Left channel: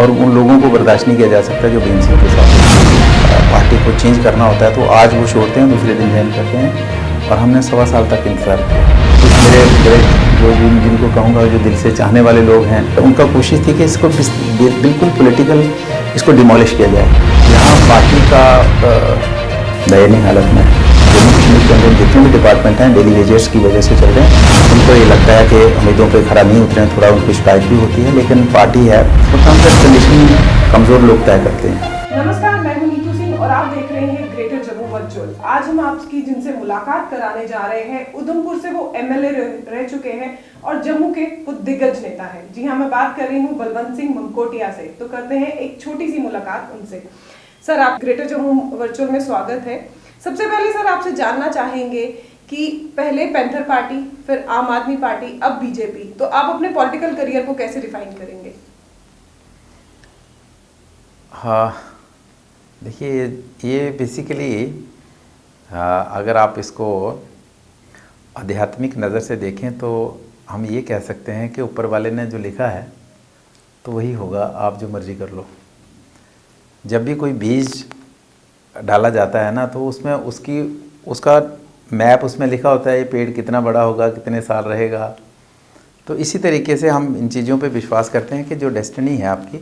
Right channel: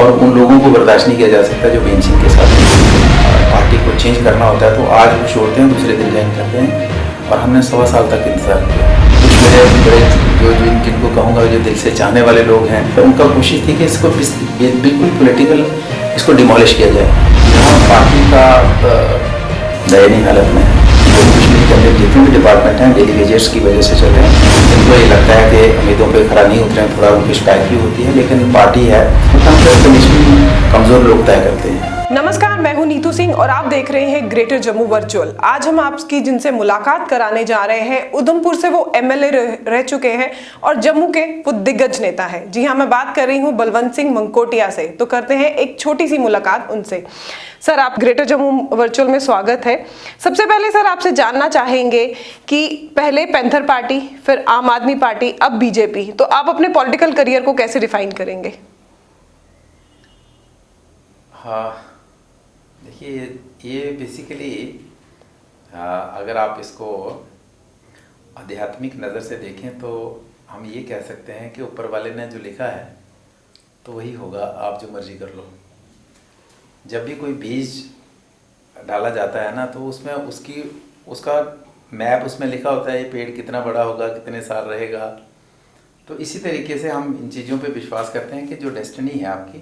और उन लोगों को बर्दाश्त नहीं किया जा सकता जो भीम सिंह के साथ पार्टी को चेंज करना होता है तो आज वो छोड़ते हैं, दूसरे दिन ज्वाइन करते हैं। और हमने 1.25 साल तक इंतजार किया। कुछ मेरे बड़े जो जिनको कहूँगा जो दिल से चाहने वाले लोग हैं, तो उनका कोशिश थी कि इसको बिल्कुल पॉलिटिकल इसको डिमोलिश किया जाए। यहाँ पार्टी का दयनीय हालत में जितने भी डिपार्टमेंट हैं डेली वेजेस की वजह से चल रहे हैं। उनको ये लगता है कि उम्मीदों पे खरा नहीं उतरे, थोड़ा उनकी शिकायत भी होती है, लेकिन पार्टी है और ट्रेडिशन कमज़ोर लोग तय करते हैं। नमस्कार, मैं हूं नीतू सिंह और आप देख रहे हैं ग्रेटर जम्मू वर्चुअल। आज हम आपकी जिनसे मुलाकात कराने जा रहे हैं, उधमपुर से वो एमएलए रह चुके हैं और जम्मू के वो दिग्गज नेता हैं। जी हाँ, मैं बात कर रही हूं बलवंत सिंह मंकोटिया से। तो करते हैं एक छोटी सी मुलाकात उनसे। सर, आप ग्रेटर जम्मू वर्चुअल में स्वागत है। सबसे पहले सर आपसे जानना चाहेंगे कि पहले पैंथर पार्टी, फिर आम आदमी पार्टी, अब बीजेपी, तो आप अपने पॉलिटिकल करियर को कैसे डिफाइन करेंगे? हाँ, देखिए, ये बेसिकली अगर आप इसको आध्यात्मिक नज़र से देखें तो हम ये कह सकते हैं कि ऊपर वाले ने जो लिखा है तो वही होगा, आप जो मर्जी कर लो। जब भी कोई बीज डाला जाता है ना, तो उसमें उसका मैप उसमें लिखा होता है, ये पेड़ कितना बड़ा होगा, कितने साल रहेगा। तो इसी तरीके से हम इन चीज़ों पे विश्वास करते हैं कि जो डेस्टिनी है आपकी,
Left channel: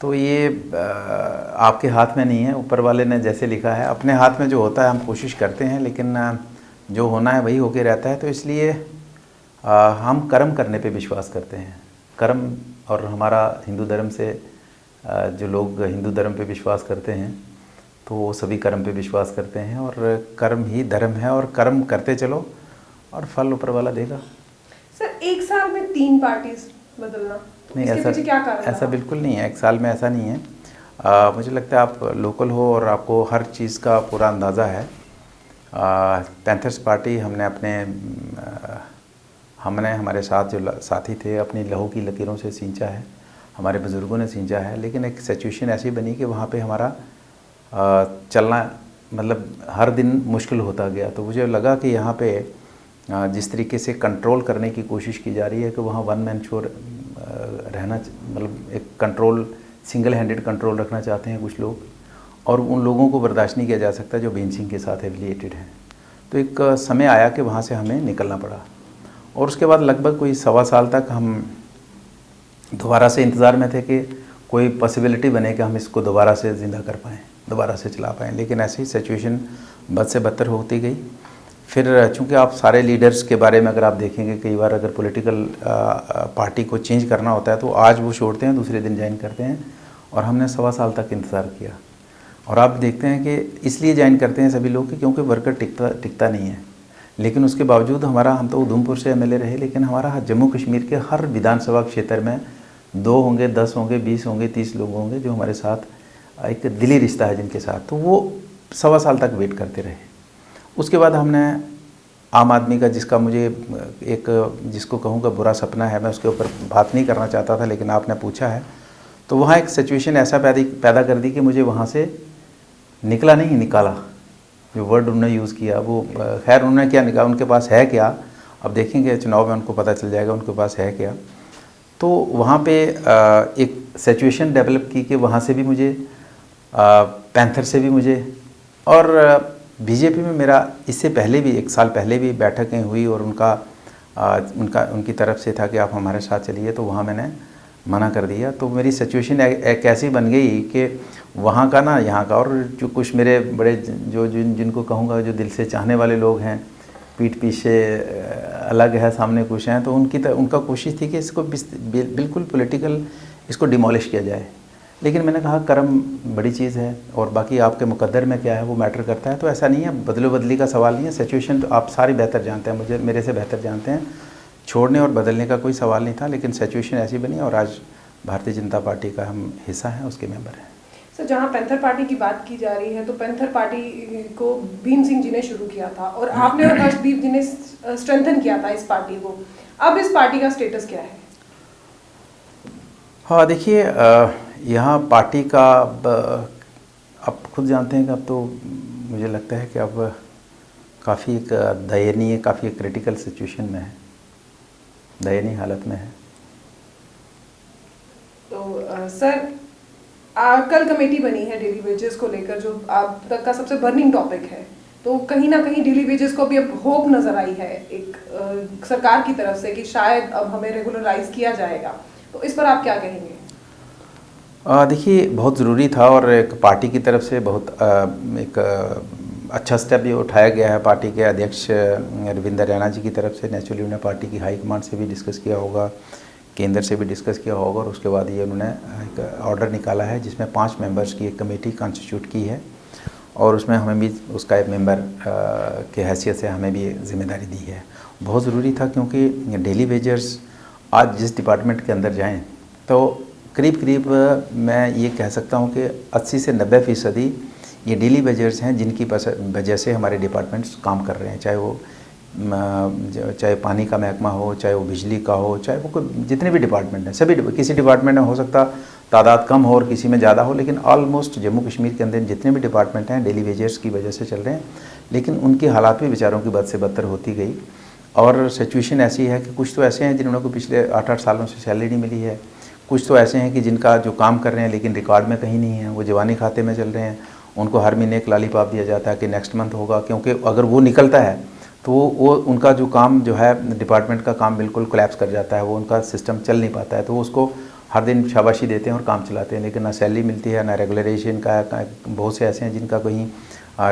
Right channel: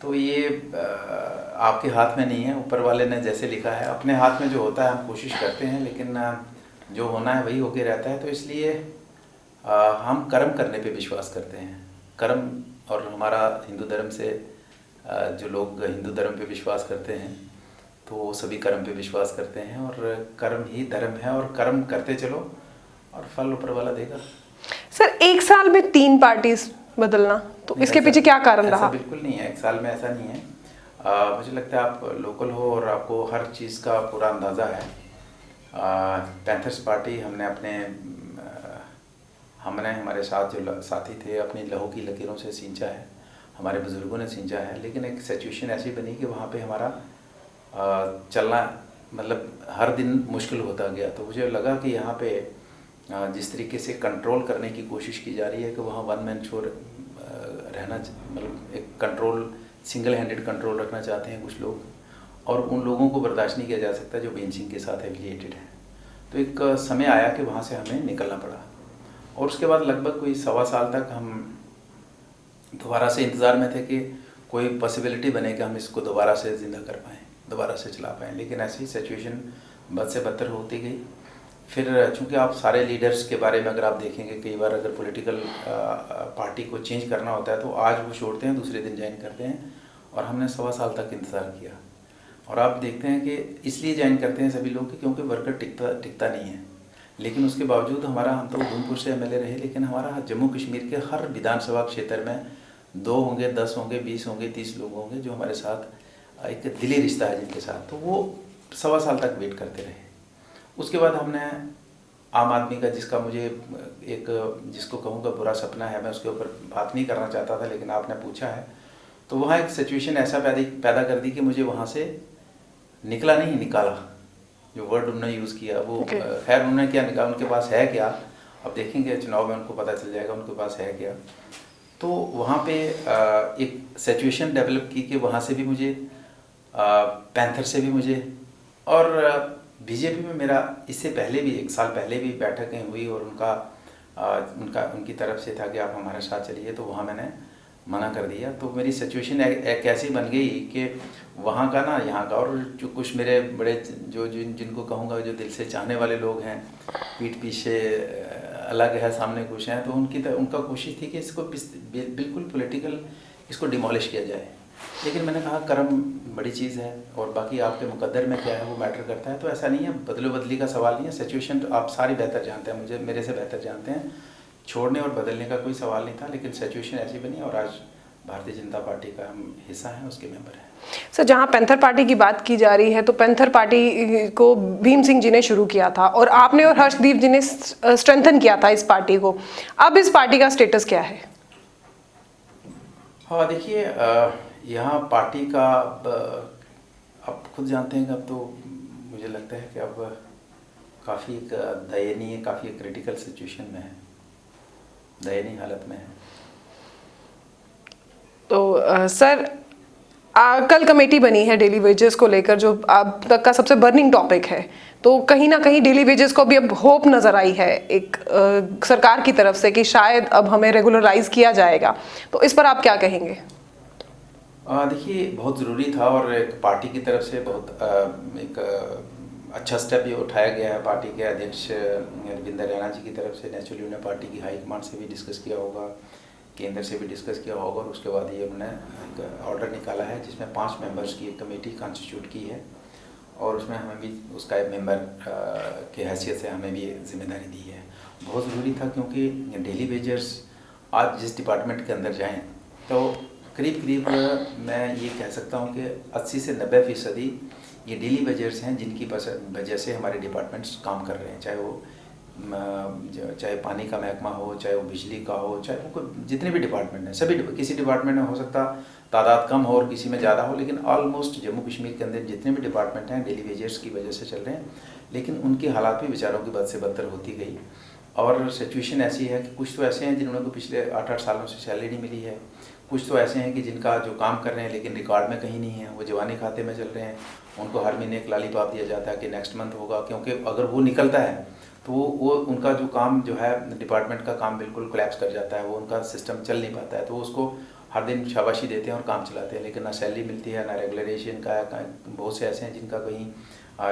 तो ये आपके हाथ में नहीं है। ऊपर वाले ने जैसे लिखा है, अपने हाथ में जो होता है हम कोशिश करते हैं, लेकिन जो होना है वही होके रहता है। तो इसलिए हम कर्म करने पे विश्वास करते हैं। कर्म, और हमारा हिंदू धर्म से जो लोग हिंदू धर्म पे विश्वास करते हैं तो वो सभी कर्म पे विश्वास करते हैं, और कर्म ही धर्म है, और कर्म करते चलो और फल ऊपर वाला देगा। सर, एक साल में 3 पार्टीज बदलना, तो इसके पीछे क्या कारण रहा? ऐसा बिल्कुल नहीं है, एक साल में ऐसा नहीं है। मुझे लगता है आप लोकल हो और आपको हर चीज़ का पूरा अंदाज़ा है। पैंथर्स पार्टी हमने हमारे साथ जो साथी थे अपनी लहू की लकीरों से सींचा है, हमारे बुज़ुर्गों ने सींचा है, लेकिन एक सिचुएशन ऐसी बनी कि वहाँ पे हमारा चलना मतलब हर दिन मुश्किल होता गया। तो मुझे लगा कि यहाँ पे जिस तरीके से कंट्रोल करने की कोशिश की जा रही है कि वहाँ वन मैन शो रहना, मतलब एक कंट्रोल, सिंगल हैंडेड कंट्रोल रखना चाहते हैं कुछ लोग, और उन लोगों को बर्दाश्त नहीं किया जा सकता जो भीम सिंह के साथ एफिलिएटेड हैं। तो एक समय आया कि वहाँ से हमें निकलना पड़ा, और उसके बाद लगभग कोई 1.25 साल तक हम दोबारा से इंतज़ार में थे कि कोई पॉसिबिलिटी बने कि हम इसको दोबारा से ज़िंदा कर पाएँ, दोबारा से चला पाएँ। लेकिन ऐसी सिचुएशन बद से बदतर होती गई। फिर चूँकि आप सारे लीडर्स के बारे में अगर आप देखेंगे, कई बार अगर पॉलिटिकल पार्टी को चेंज करना होता है तो आज वो छोड़ते हैं, दूसरे दिन ज्वाइन करते हैं। और हमने 1.25 साल तक इंतज़ार किया, और आप देखते हैं कि इसलिए ज्वाइन करते हैं सभी लोग क्योंकि वर्कर टिकता नहीं है। लेकिन उसके बावजूद हम तो उधमपुर से एमएलए रहे, लेकिन हमारा जम्मू कश्मीर के हर विधानसभा क्षेत्र में 2 होंगे, 10 होंगे, 20 होंगे, 30 लोग होंगे जो हमारे साथ एक दिली रिश्ता है जिनके साथ। तो वो 1.25 साल तक वेट करते रहे। उसके बाद हमने आम आदमी का, जिसको कहूँगा बुरा सपना है, मैं उसके ऊपर बात नहीं करना चाहता था, लेकिन आपने पूछा है, तो वहाँ एक सिचुएशन ऐसा पैदा कर दी कि मुझे वहाँ से निकाला। जो वर्ड उन्होंने यूज़ किया वो खैर उन्होंने क्या निकाला, उनके पास है क्या, अब देखेंगे चुनाव में उनको पता चल जाएगा उनके पास है क्या। तो वहाँ पे एक सिचुएशन डेवलप की कि वहाँ से भी मुझे, पैंथर से भी मुझे, और बीजेपी में मेरा इससे पहले भी 1 साल पहले भी बैठकें हुई, और उनकी तरफ से था कि आप हमारे साथ चलिए, तो वहाँ मैंने मना कर दिया। तो मेरी सिचुएशन एक ऐसी बन गई कि वहाँ का ना यहाँ का, और जो कुछ मेरे बड़े जिनको कहूँगा जो दिल से चाहने वाले लोग हैं, पीठ पीछे अलग है, सामने कुछ हैं, तो उनका कोशिश थी कि इसको बिल्कुल पॉलिटिकल इसको डिमोलिश किया जाए। लेकिन मैंने कहा कर्म बड़ी चीज़ है, और बाकी आपके मुकद्दर में क्या है वो मैटर करता है। तो ऐसा नहीं है, बदलो बदली का सवाल नहीं है। सिचुएशन तो आप सारी बेहतर जानते हैं, मेरे से बेहतर जानते हैं। छोड़ने और बदलने का कोई सवाल नहीं था, लेकिन सिचुएशन ऐसी बनी, और आज भारतीय जनता पार्टी का हम हिस्सा हैं, उसके मेंबर हैं। सर, जहाँ पैंथर पार्टी की बात की जा रही है, तो पैंथर पार्टी को भीम सिंह जी ने शुरू किया था, और आपने और हर्षदीप जी ने स्ट्रेंथन किया था इस पार्टी को। अब इस पार्टी का स्टेटस क्या है? हाँ, देखिए, यहाँ पार्टी का आप खुद जानते हैं कि अब तो मुझे लगता है कि अब काफ़ी दयनीय, काफ़ी क्रिटिकल सिचुएशन में है, दयनीय हालत में है। तो सर कल कमेटी बनी है डेली वेजेस को लेकर, जो अब तक का सबसे बर्निंग टॉपिक है, तो कहीं ना कहीं डेली वेजेस को भी अब होप नजर आई है एक सरकार की तरफ से कि शायद अब हमें रेगुलराइज किया जाएगा, तो इस पर आप क्या कहेंगे? देखिए, बहुत ज़रूरी था और एक पार्टी की तरफ से बहुत एक अच्छा स्टेप भी उठाया गया है। पार्टी के अध्यक्ष रविंदर रैना जी की तरफ से नेचुरली उन्होंने पार्टी की हाई कमांड से भी डिस्कस किया होगा, केंद्र से भी डिस्कस किया होगा, और उसके बाद ये उन्होंने एक ऑर्डर निकाला है जिसमें 5 मेंबर्स की एक कमेटी कॉन्स्टिट्यूट की है, और उसमें हमें भी उसका एक मेंबर के हैसियत से हमें भी जिम्मेदारी दी है। बहुत ज़रूरी था क्योंकि डेली वेजर्स आज जिस डिपार्टमेंट के अंदर जाएँ तो करीब मैं ये कह सकता हूँ कि 80 से 90% ये डेली वेजर्स हैं जिनकी वजह से हमारे डिपार्टमेंट्स काम कर रहे हैं, चाहे पानी का महकमा हो, चाहे वो बिजली का हो, चाहे वो कोई जितने भी डिपार्टमेंट हैं, सभी किसी डिपार्टमेंट में हो सकता तादाद कम हो और किसी में ज़्यादा हो, लेकिन ऑलमोस्ट जम्मू कश्मीर के अंदर जितने भी डिपार्टमेंट हैं डेली वेजर्स की वजह से चल रहे हैं। लेकिन उनकी हालात भी बेचारों की बद से बदतर होती गई, और सिचुएशन ऐसी है कि कुछ तो ऐसे हैं जिन्होंने को पिछले 8-8 सालों से सैलरी नहीं मिली है, कुछ तो ऐसे हैं कि जिनका जो काम कर रहे हैं लेकिन रिकॉर्ड में कहीं नहीं है, वो जवानी खाते में चल रहे हैं, उनको हर महीने एक लॉलीपॉप दिया जाता है कि नेक्स्ट मंथ होगा, क्योंकि अगर वो निकलता है तो वो उनका जो काम जो है डिपार्टमेंट का काम बिल्कुल कोलैप्स कर जाता है, वो उनका सिस्टम चल नहीं पाता है, तो उसको हर दिन शाबाशी देते हैं और काम चलाते हैं, लेकिन ना सैलरी मिलती है ना रेगुलराइजेशन का। बहुत से ऐसे हैं जिनका कहीं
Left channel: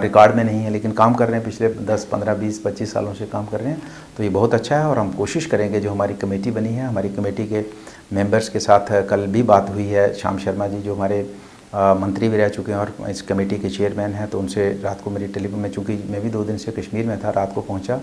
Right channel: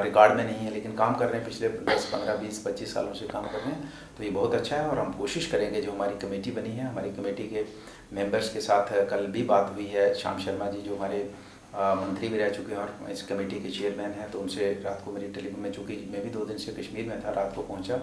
रिकॉर्ड में नहीं है लेकिन काम कर रहे हैं, पिछले 10, 15, 20, 25 सालों से काम कर रहे हैं, तो ये बहुत अच्छा है। और हम कोशिश करेंगे, जो हमारी कमेटी बनी है, हमारी कमेटी के मेंबर्स के साथ कल भी बात हुई है, श्याम शर्मा जी जो हमारे मंत्री भी रह चुके हैं और इस कमेटी के चेयरमैन हैं, तो उनसे रात को मेरी टेलीफोन में, चूँकि मैं भी 2 दिन से कश्मीर में था, रात को पहुंचा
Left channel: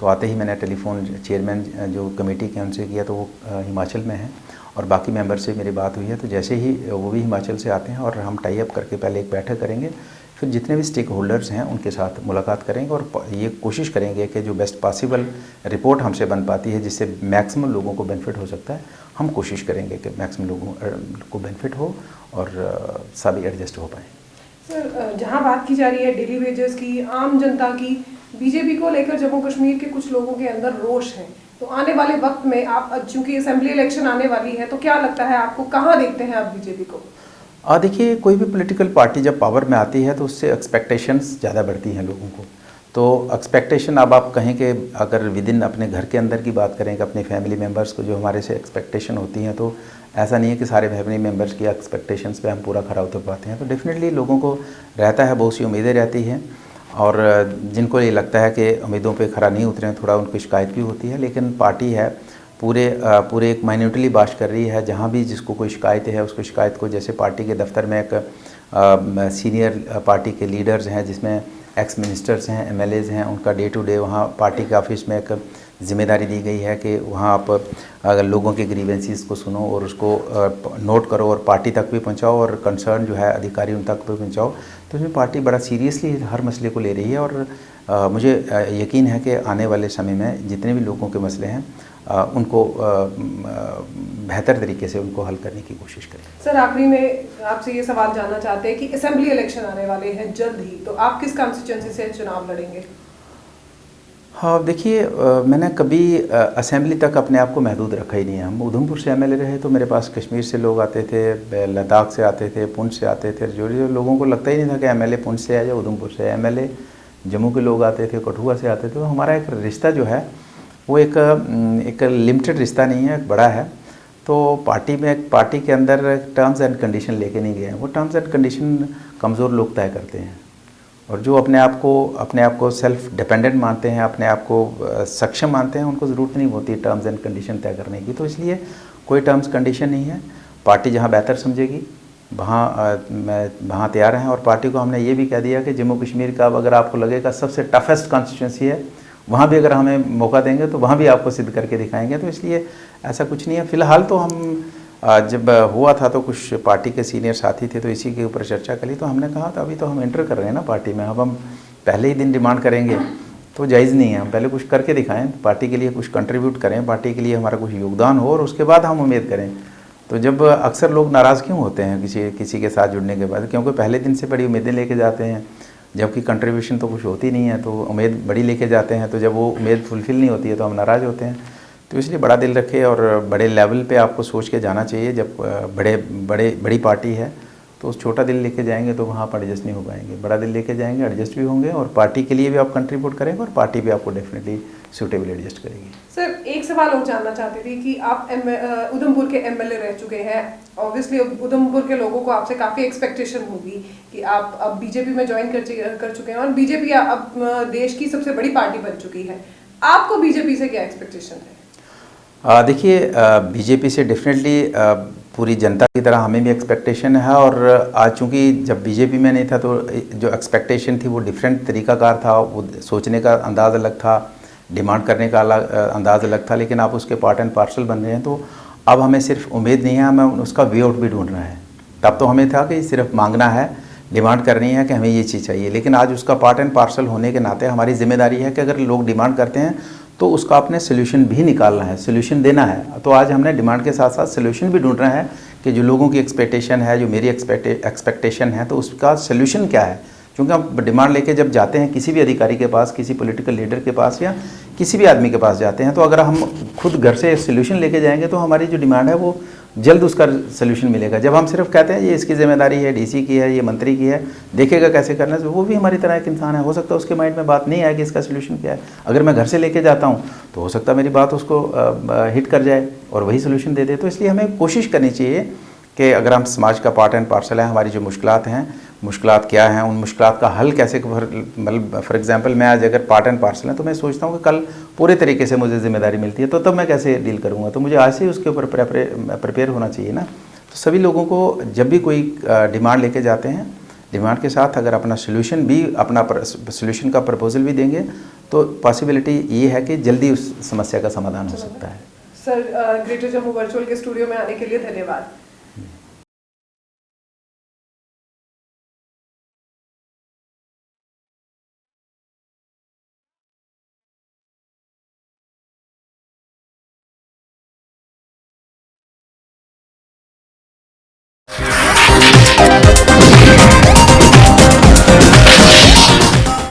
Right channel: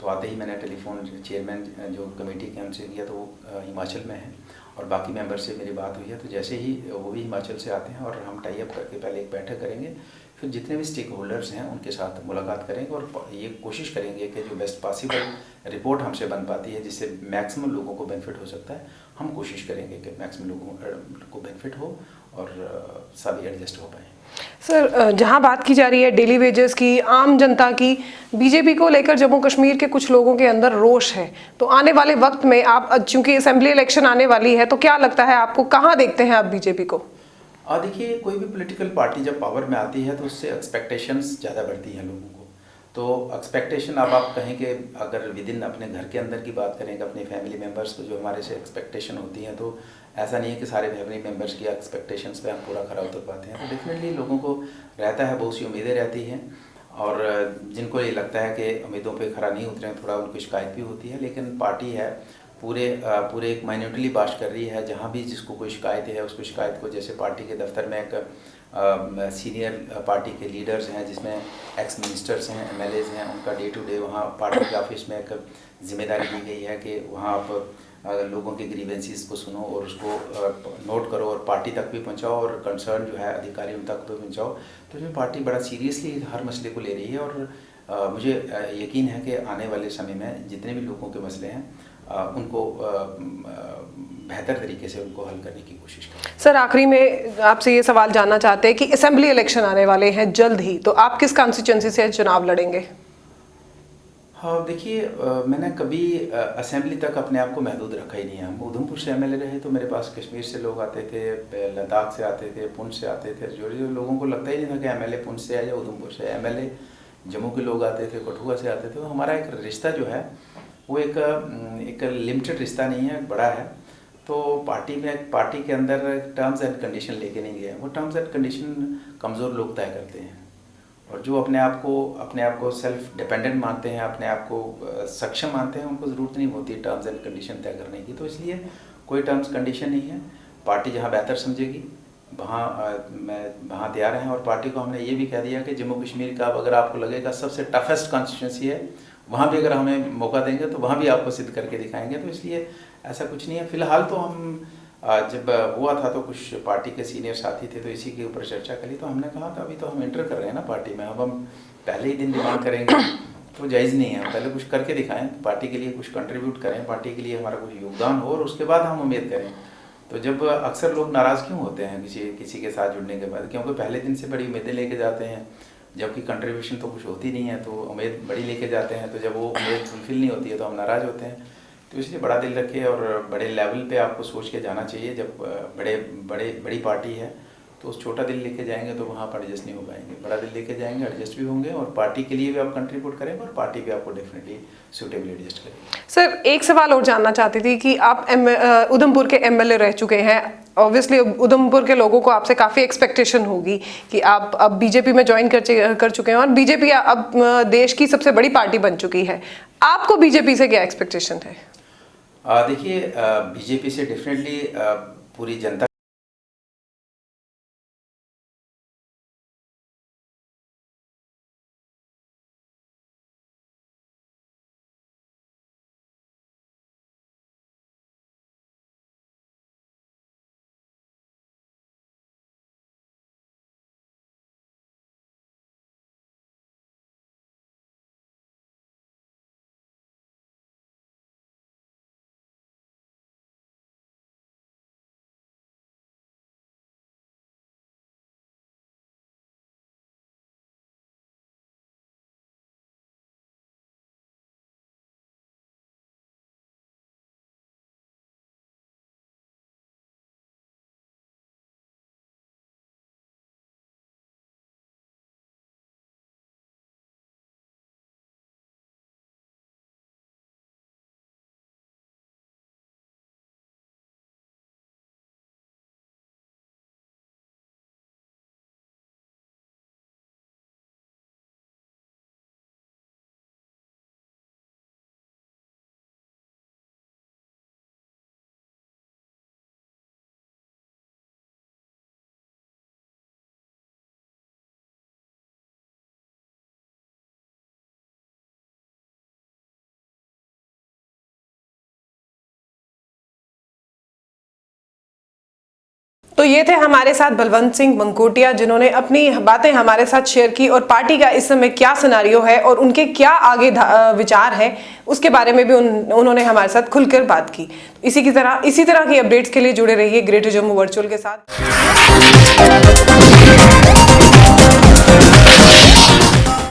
तो आते ही मैंने टेलीफोन चेयरमैन जो कमेटी के उनसे किया, तो वो हिमाचल में हैं, और बाकी मेंबर से मेरी बात हुई है, तो जैसे ही वो भी हिमाचल से आते हैं और हम टाई अप करके पहले एक बैठक करेंगे, फिर जितने भी स्टेक होल्डर्स हैं उनके साथ मुलाकात करेंगे और ये कोशिश करेंगे कि जो बेस्ट पॉसिबल रिपोर्ट हमसे बन पाती है जिससे मैक्सिमम लोगों को बेनिफिट हो सकता है, हम कोशिश करेंगे कि मैक्सिमम लोगों को बेनिफिट हो और सभी एडजस्ट हो पाएँ। सर, जहां बात की जा रही है डेली वेजेस की, आम जनता की, बीजेपी को लेकर जम्मू कश्मीर के कुछ लोगों के अंदर रोष है, तो आने वाले वक्त में आप, चूंकि असेंबली इलेक्शन आने वाली है, तो क्या लगता है आपको, कहां देखते हैं आप बीजेपी को? देखिए, कोई भी पॉलिटिकल पार्टी जब पावर में आती है तो उससे एक्सपेक्टेशंस ज़्यादा बढ़ती हैं लोगों को। तो एक्सपेक्टेशन, अब आप कहें कि अगर विदिन अपने घर के अंदर की बात करें कि अपने फैमिली मेम्बर्स को जो हमारे से एक्सपेक्टेशन होती हैं, तो ऐसा नहीं है कि सारे फैमिली मेम्बर्स की एक्सपेक्टेशंस पे हम पूरा खरा उतर पाते हैं। तो डेफिनेटली लोगों को रहता है, बहुत सी उम्मीदें रहती हैं, और जिनको ये लगता है कि उम्मीदों पे खरा नहीं उतरे, थोड़ा उनको शिकायत भी होती है। लेकिन पार्टी है पूरे एक माइन्यूटली बात कर रही है, जहाँ भी जिसको कोई शिकायत है उसको शिकायत को, जैसे पार्टी के दफ्तर में एक सीनियर पार्टी के लीडर्स हैं जिसमें एक्स मिनिस्टर्स हैं, एमएलएज हैं, उनका डे टू डे वहाँ पार्टी के ऑफिस में एक जिम्मेदारी दी गई है कि वहाँ आप अगर लोगों के ग्रीवेंसीज को सुनो और उसको नोट करो और पार्टी तक भी पहुँचाओ, और कंसर्न जो है अधिकारी उन तक भी पहुँचाओ। तो इसमें पार्टी बड़ा सीरियसली हर मसले को ले रही है, और मुझे यकीन है कि आने वाले समय में जितने भी लोगों के मसले हैं उनको बेहतर तरीके से उनको हल करने की कोशिश करें। सर, आखिरी में आपसे ये सवाल जानना चाहते हैं कि असेंबली इलेक्शन आने वाले हैं जल्द ही, तो आप किस कॉन्स्टिट्यूंसी से चुनाव लड़ेंगे? हाँ, देखिए, मैंने कभी असेंबली तक अपने आप को महदूद रखा ही नहीं है। हम उधमपुर से एमएलए रहे तो मेरे पास कश्मीर से लोग आते थे, लद्दाख से आते थे, पुंछ से आते थे, जो लोगों को लगता ही नहीं था कि एमएलए पुंछ से है या उधमपुर से है। एमएलए जम्मू के लोग आते थे, कठुआ से आते थे। तो हमारा एक रिश्ता जो है वो एक लिमिटेड रिश्ता नहीं है, एक बड़ा है। तो पार्टी के अंदर टर्म्स एंड कंडीशन लेके नहीं गए हैं। वो टर्म्स एंड कंडीशन कमज़ोर लोग तय करते हैं, और जो अपने आप को सेल्फ डिपेंडेंट मानते हैं, अपने आप को सक्षम मानते हैं, उनको ज़रूरत नहीं होती टर्म्स एंड कंडीशन तय करने की। तो इसलिए कोई टर्म्स कंडीशन नहीं है। पार्टी जहां बेहतर समझेगी वहाँ तैयार हैं, और पार्टी को हमने ये भी कह दिया कि जम्मू कश्मीर का अगर आपको लगेगा सबसे टफेस्ट कॉन्स्टिट्यूंसी है, वहाँ भी अगर हमें मौका देंगे तो वहाँ भी आपको सिद्ध करके दिखाएंगे। तो इसलिए ऐसा कुछ नहीं है। फ़िलहाल तो हम जब हुआ था तो कुछ पार्टी के सीनियर साथी थे तो इसी के ऊपर चर्चा करी, तो हमने कहा था अभी तो हम एंटर कर रहे हैं ना पार्टी में, अब हम पहले ही दिन डिमांड करेंगे तो जायज़ नहीं है। हम पहले कुछ करके दिखाएं, पार्टी के लिए कुछ कंट्रीब्यूट करें, पार्टी के लिए हमारा कुछ योगदान हो, और उसके बाद हम उम्मीद करें। तो जब अक्सर लोग नाराज़ क्यों होते हैं किसी के साथ जुड़ने के बाद, क्योंकि पहले दिन से बड़ी उम्मीदें लेके जाते हैं, जबकि कंट्रीब्यूशन तो कुछ होती नहीं है, तो उम्मीद बड़ी लेके जाते हैं, तो जब वो उम्मीद फुलफ़िल नहीं होती है तो हम नाराज़ होते हैं। तो इसलिए बड़ा दिल रखे और बड़े लेवल पे आपको सोच के जाना चाहिए। जब बड़ी पार्टी है तो उस छोटा दिल लेके जाएंगे तो वहाँ पर एडजस्ट नहीं हो पाएंगे। बड़ा दिल लेके जाएंगे, एडजस्ट भी होंगे और पार्टी के लिए भी आप कंट्रीब्यूट करेंगे और पार्टी भी आपको डेफिनेटली सूटेबल एडजस्ट करेगी। सर, एक सवाल और जानना चाहती थी कि आप उधमपुर के एमएलए रह चुके हैं। ऑब्वियसली उधमपुर के लोगों को आपसे काफ़ी एक्सपेक्टेशन होगी कि आप अब बीजेपी में ज्वाइन कर चुके हैं और बीजेपी अब देश की सबसे बड़ी पार्टी बन चुकी है। आपको बीजेपी से क्या एक्सपेक्टेशन है? देखिए, बीजेपी से डेफिनेटली पूरी जनता की तरह हमें भी एक्सपेक्टेशन है। और आज चूँकि जब बीजेपी में नहीं था तो जो एक्सपेक्टेशन थी वो डिफरेंट तरीक़ाकार था, वो सोचने का अंदाज़ अलग था, डिमांड करने का अंदाज़ अलग था। लेकिन आप उसके पार्ट एंड पार्सल बन रहे हैं तो अब हमें सिर्फ उम्मीद नहीं है, हमें उसका वे आउट भी ढूंढना है। तब तो हमें था कि सिर्फ मांगना है, डिमांड करनी है कि हमें ये चीज़ चाहिए। लेकिन आज उसका पार्ट एंड पार्सल होने के नाते हमारी जिम्मेदारी है कि अगर लोग डिमांड करते हैं तो उसका अपने सोल्यूशन भी निकालना है, सोल्यूशन देना है। तो आज हमने डिमांड के साथ साथ सोल्यूशन भी ढूंढना है कि जो लोगों की एक्सपेक्टेशन है, जो मेरी एक्सपेक्टेशन है, तो उसका सोल्यूशन क्या है। क्योंकि हम डिमांड लेके जब जाते हैं किसी भी अधिकारी के पास, किसी पॉलिटिकल लीडर के पास या किसी भी आदमी के पास जाते हैं, तो अगर हम खुद घर से सोल्यूशन लेके जाएंगे तो हमारी जो डिमांड है वो जल्द उसका सोल्यूशन मिलेगा। जब हम सिर्फ कहते हैं ये इसकी जिम्मेदारी है, डीसी की है, ये मंत्री की है, देखेगा कैसे करना है, तो वो भी हमारी तरह एक इंसान है। हो सकता है उसके माइंड में बात नहीं आए कि इसका सोल्यूशन क्या है। अगर मैं घर से लेके जाता हूँ तो हो सकता है मेरी बात उसको हिट कर जाए और वही सोल्यूशन दे दे। तो इसलिए हमें कोशिश करनी चाहिए कि अगर हम समाज का पार्ट एंड पार्सल है, हमारी जो मुश्किलात हैं, मुश्किलात क्या हैं, उन मुश्किलात का हल कैसे, मतलब फॉर एग्जांपल मैं आज अगर पार्ट एंड पार्सल है तो मैं सोचता हूँ कि कल पूरे तरीके से मुझे जिम्मेदारी मिलती है तो तब मैं कैसे डील करूँगा। तो मुझे आज से ही उसके ऊपर प्रिपेयर होना चाहिए ना। तो सभी लोगों को जब भी कोई डिमांड लेके जाते हैं, डिमांड के साथ अगर अपना सोल्यूशन भी, अपना सोल्यूशन का प्रपोजल भी देंगे तो पॉसिबिलिटी ये है कि जल्दी उस समस्या का समाधान हो सकता है। सर, ग्रेटर जम्मू वर्चुअल के स्टूडियो में आने के लिए धन्यवाद। तो ये थे हमारे साथ बलवंत सिंह मंकोटिया, जिन्होंने अपनी बातें हमारे साथ शेयर की और पार्टी का इस समय क्या सिनेरियो है और उनके क्या आगे विचार हैं उसके बारे में भी उन्होंने हमारे साथ खुलकर बात की। इसी तरह की अपडेट्स के लिए जुड़े रहिए ग्रेटर जम्मू वर्चुअल के साथ।